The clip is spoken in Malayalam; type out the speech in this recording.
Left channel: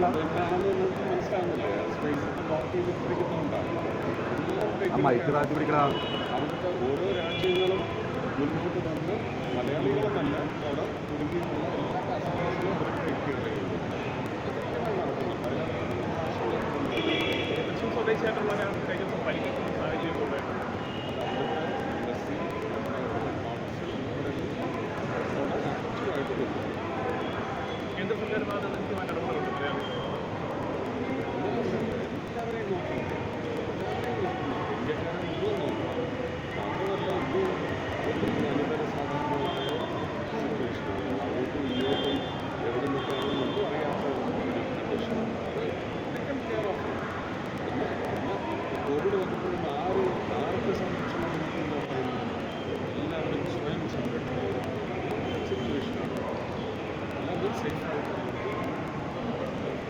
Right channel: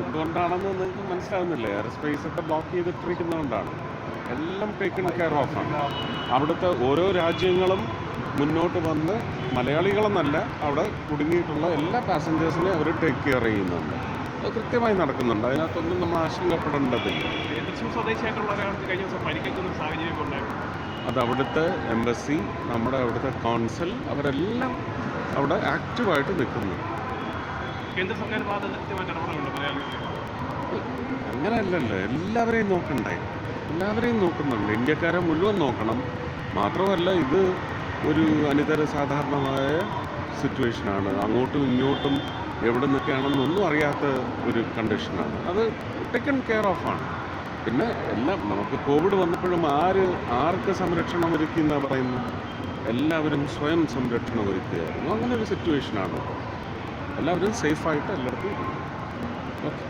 എന്തുകൊണ്ടാണെന്നത് മനസ്സിലാവുന്നില്ല. എയർ സ്പേസ് ഒക്കെ ബ്ലോക്ക് ചെയ്തിട്ടിരിക്കുന്നതുകൊണ്ടാണ്. എല്ലാം ടേക്കൺ കെയർ ഓഫ്. അവിടുത്തെ ഓരോ രാജ്യങ്ങളും മുന്നോട്ട് വന്ന് മലയാളികളെന്നല്ല അവിടെ കുടുങ്ങിയിട്ടുള്ള എല്ലാ പാസഞ്ചേഴ്സിനെയും അവർ ടേക്ക് കെയർ ചെയ്യുന്നുണ്ട്. അത് കൃത്യമായി നടക്കുന്നുണ്ട്. അതിനകത്തൊന്നും നമ്മൾ ആശങ്കപ്പെടേണ്ടതില്ല. തൃശ്ശൂർ സ്വദേശിയായിട്ടുള്ള ഒരാൾക്ക് കഴിഞ്ഞ ദിവസം പരിക്കേൽക്കുന്ന സാഹചര്യമൊക്കെ ഉണ്ടായിരുന്നു. അത് അവിടുത്തെ എംബസി, നമ്മുടെ അവിടുത്തെ കോൺസൽ, അവരെല്ലാം അവിടെ ആക്റ്റീവായിട്ട് നിൽക്കുന്നു. കേന്ദ്ര സർക്കാർ ഭാഗത്ത് കൃത്യമായിട്ട് ഇടപെടലുണ്ട് മലയാളികളെ. അങ്ങനെയല്ലല്ലോ, എല്ലാവരെയും നോക്കണ്ടേ? എല്ലാവരെയും നോക്കുന്നുണ്ട്. ഇന്ത്യക്കാരെ മുഴുവൻ നോക്കണം. മാത്രമല്ല, ഇത് ഒരു അനിതര സാധാരണമായ സിറ്റുവേഷനാണ്. അങ്ങോട്ടും ഇങ്ങോട്ടും എവിടെ നിൽക്കുകയാണെന്നൊന്നും അറിയാത്ത ഒരു കണ്ടീഷനാണ്. അത് ടേക്കൺ കെയർ ഓഫാണ്. പിന്നെ എല്ലാം നമുക്ക് കോവിഡ് വന്നപ്പോഴും ആർക്ക് സംരക്ഷണം ഒരുക്കി എന്നാണ് പറയുന്നത്? എല്ലാവരും സ്വയം സംരക്ഷണം ഒരുക്കുകയായിരുന്നു. അങ്ങനെ ഒരു സിറ്റുവേഷനാണ്. എല്ലാവരും സേഫായിട്ട് എല്ലാവർക്കും. ഓക്കെ.